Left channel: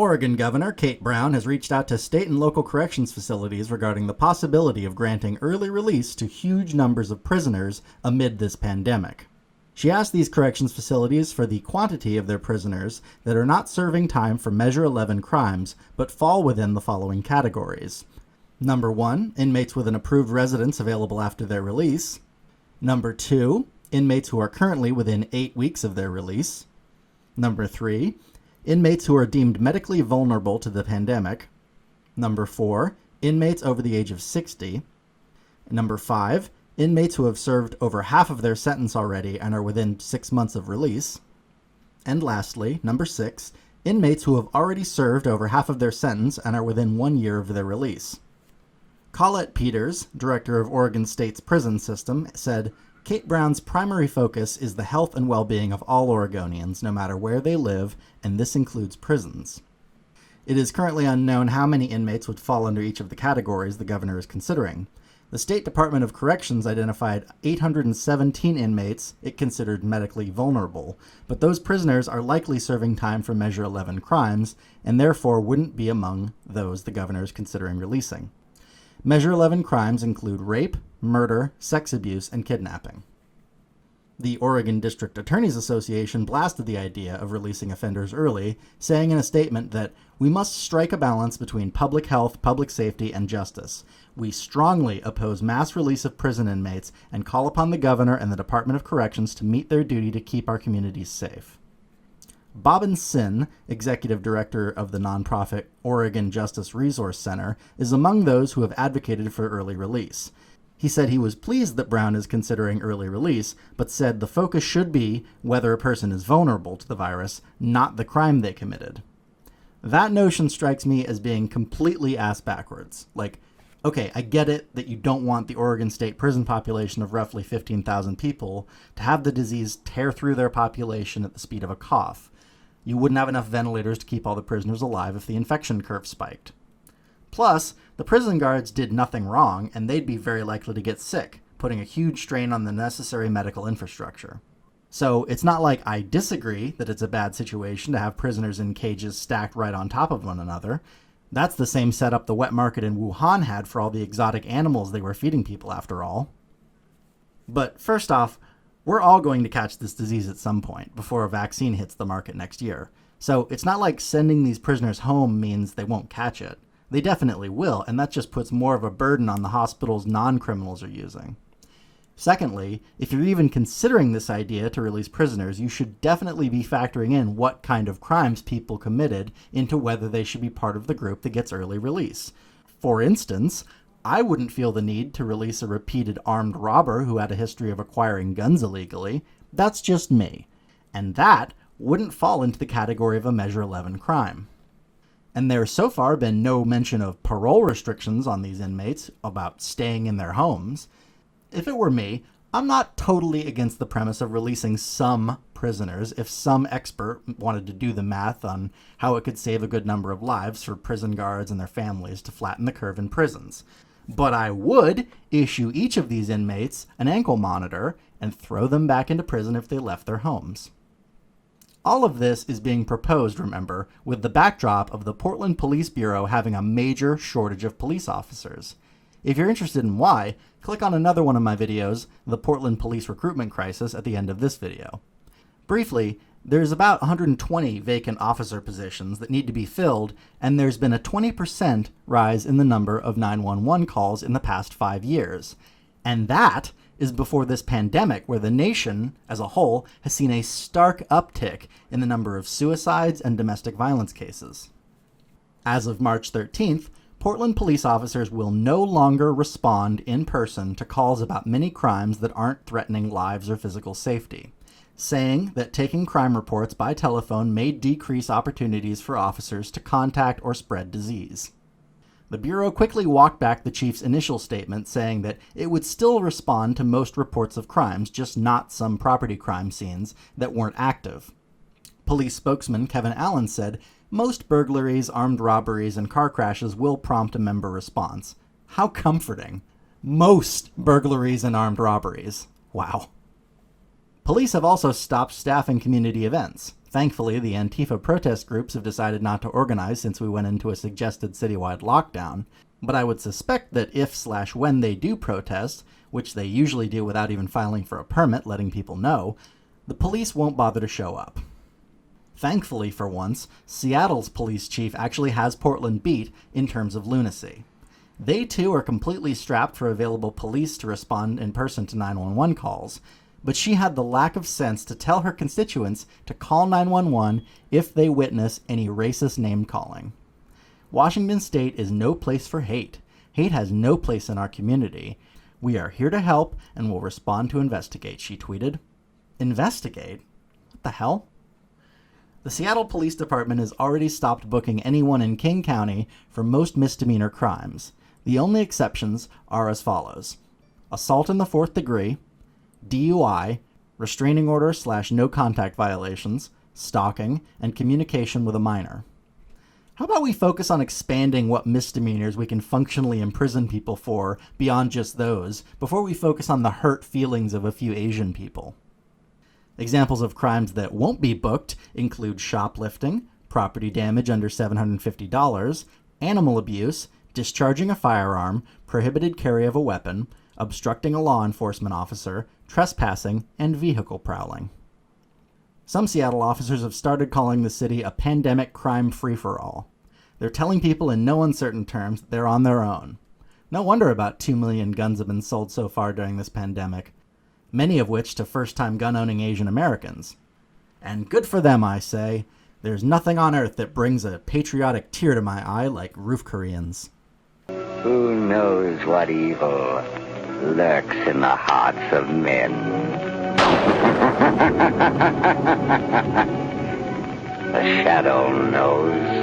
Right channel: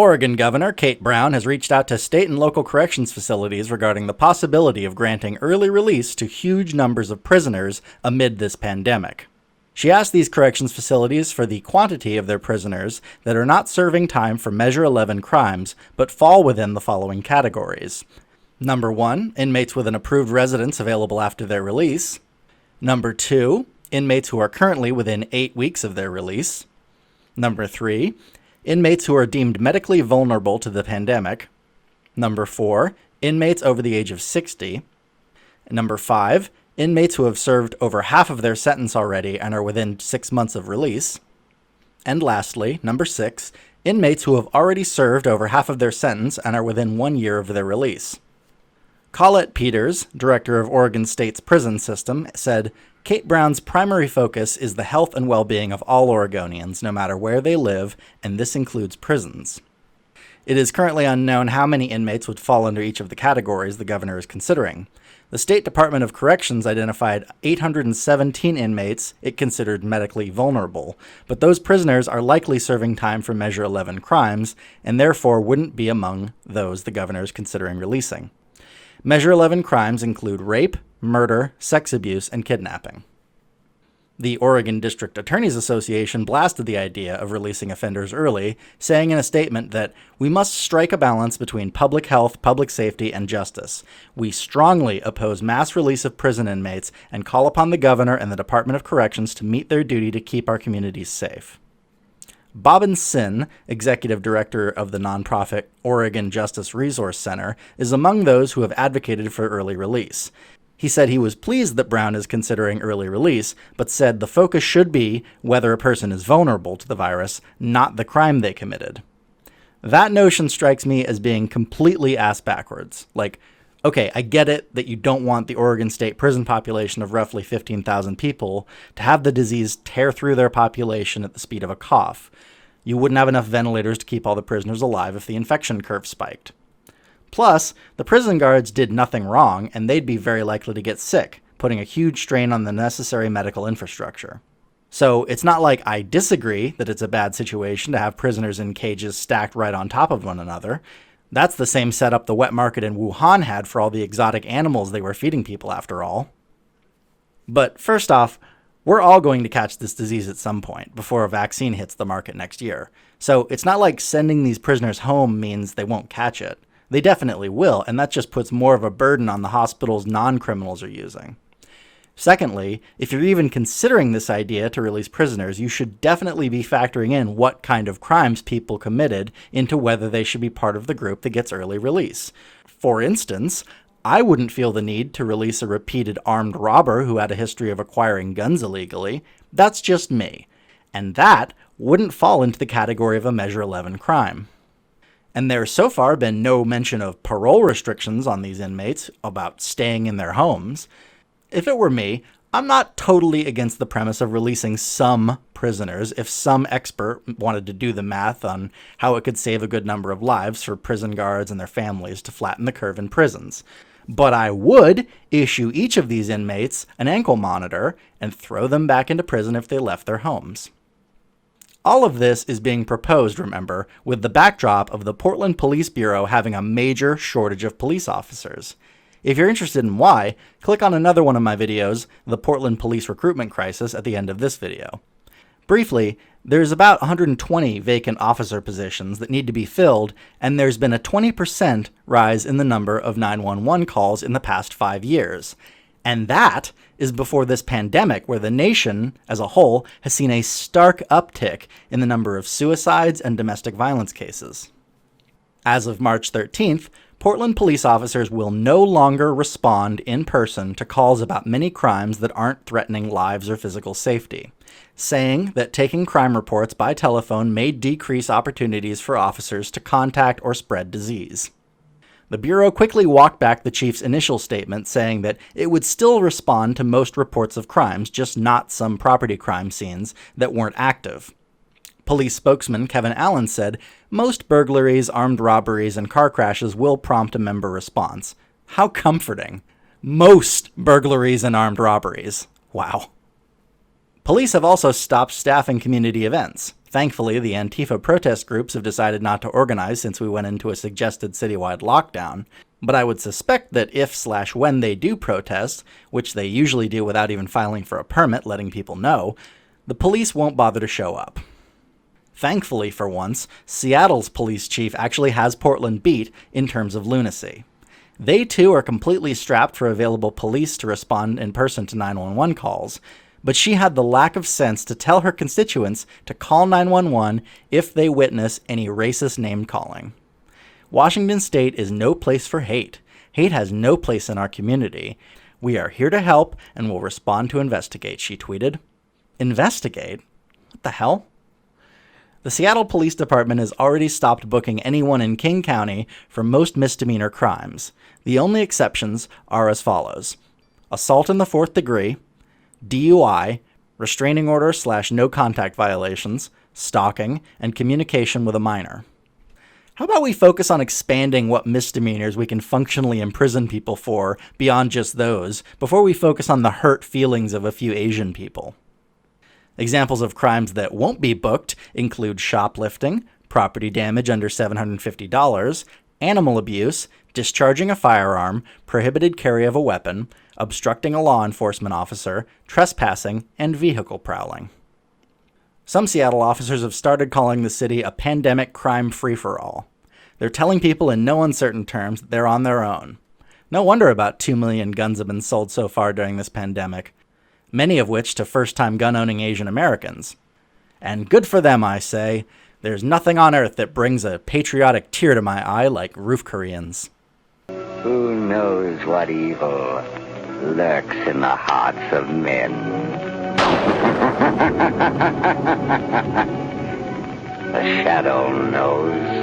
Oregon Governor Kate Brown has reached out to state and local corrections facilities regarding the possibility of granting early release to huge numbers of prisoners amid this pandemic. She asked these corrections facilities for the quantity of their prisoners that are not serving time for Measure 11 crimes, but fall within the following categories. Number 1, inmates with an approved residence available after their release. Number 2, inmates who are currently within 8 weeks of their release. Number 3, inmates who are deemed medically vulnerable to the pandemic. Number 4, inmates over the age of 60. Number 5, inmates who have served over half of their sentence already and are within 6 months of release. And lastly, number 6, inmates who have already served over half of their sentence and are within 1 year of their release. Colette Peters, director of Oregon State's prison system, said, Kate Brown's primary focus is the health and well-being of all Oregonians, no matter where they live, and this includes prisons. It is currently unknown how many inmates would fall under each of the categories the governor is considering. The State Department of Corrections identified 817 inmates it considered medically vulnerable, but those prisoners are likely serving time for Measure 11 crimes, and therefore wouldn't be among those the governor is considering releasing. Measure 11 crimes include rape, murder, sex abuse, and kidnapping. The Oregon District Attorneys Association blasted the idea of releasing offenders early, saying in a statement that we must strike a balance between public health, public safety, and justice. We strongly oppose mass release of prison inmates and call upon the governor and the Department of Corrections to meet their duty to keep our communities safe. Bobbin Sin, executive director of the nonprofit Oregon Justice Resource Center, is among those who have advocated for early release. He said he was pleased that Brown is considering early release, but said the focus should be whether a person is vulnerable to the virus, not the crime they committed. That notion strikes me as being completely ass backwards. Like, okay, I get it that you don't want the Oregon State prison population of roughly 15,000 people to have the disease tear through their population at the speed of a cough. You wouldn't have enough ventilators to keep all the prisoners alive if the infection curve spiked. Plus, the prison guards did nothing wrong, and they'd be very likely to get sick, putting a huge strain on the necessary medical infrastructure. So it's not like I disagree that it's a bad situation to have prisoners in cages stacked right on top of one another. That's the same setup the wet market in Wuhan had for all the exotic animals they were feeding people after all. But first off, we're all going to catch this disease at some point before a vaccine hits the market next year. So it's not like sending these prisoners home means they won't catch it. They definitely will, and that just puts more of a burden on the hospitals non-criminals are using. Secondly, if you're even considering this idea to release prisoners, you should definitely be factoring in what kind of crimes people committed into whether they should be part of the group that gets early release. For instance, I wouldn't feel the need to release a repeated armed robber who had a history of acquiring guns illegally. That's just me. And that wouldn't fall into the category of a Measure 11 crime. And there's so far been no mention of parole restrictions on these inmates about staying in their homes. If it were me, I'm not totally against the premise of releasing some prisoners if some expert wanted to do the math on how it could save a good number of lives for prison guards and their families to flatten the curve in prisons. But I would issue each of these inmates an ankle monitor and throw them back into prison if they left their homes. All of this is being proposed, remember, with the backdrop of the Portland Police Bureau having a major shortage of police officers. If you're interested in why, click on another one of my videos, The Portland Police Recruitment Crisis, at the end of this video. Briefly, there's about 120 vacant officer positions that need to be filled, and there's been a 20% rise in the number of 911 calls in the past 5 years. And that is before this pandemic, where the nation as a whole has seen a stark uptick in the number of suicides and domestic violence cases. As of March 13th, Portland police officers will no longer respond in person to calls about many crimes that aren't threatening lives or physical safety, saying that taking crime reports by telephone may decrease opportunities for officers to contact or spread disease. The Bureau quickly walked back the chief's initial statement, saying that it would still respond to most reports of crimes, just not some property crime scenes that weren't active. Police spokesman Kevin Allen said, "Most burglaries, armed robberies, and car crashes will prompt a member response." How comforting. Most burglaries and armed robberies. Wow. Police have also stopped staffing community events. Thankfully, the Antifa protest groups have decided not to organize since we went into a suggested citywide lockdown, but I would suspect that if/when they do protest, which they usually do without even filing for a permit letting people know, the police won't bother to show up. Thankfully, for once, Seattle's police chief actually has Portland beat in terms of lunacy. They too are completely strapped for available police to respond in person to 911 calls, but she had the lack of sense to tell her constituents to call 911 if they witness any racist name-calling. Washington State is no place for hate. Hate has no place in our community. We are here to help and will respond to investigate, she tweeted. Investigate? What the hell? The Seattle Police Department has already stopped booking anyone in King County for most misdemeanor crimes. The only exceptions are as follows: assault in the 4th degree, DUI, restraining order/no contact violations, stalking, and communication with a minor. How about we focus on expanding what misdemeanors we can functionally imprison people for beyond just those, before we focus on the hurt feelings of a few Asian people? Examples of crimes that won't be booked include shoplifting, property damage under $750, animal abuse, discharging a firearm, prohibited carry of a weapon, obstructing a law enforcement officer, trespassing, and vehicle prowling. Some Seattle officers have started calling the city a pandemic crime free-for-all. They're telling people in no uncertain terms that they're on their own. No wonder about 2 million guns have been sold so far during this pandemic, many of which to first-time gun-owning Asian Americans. And good for them, I say. There's nothing on earth that brings a patriotic tear to my eye like roof Koreans. Who knows what evil lurks in the hearts of men? The shadow knows.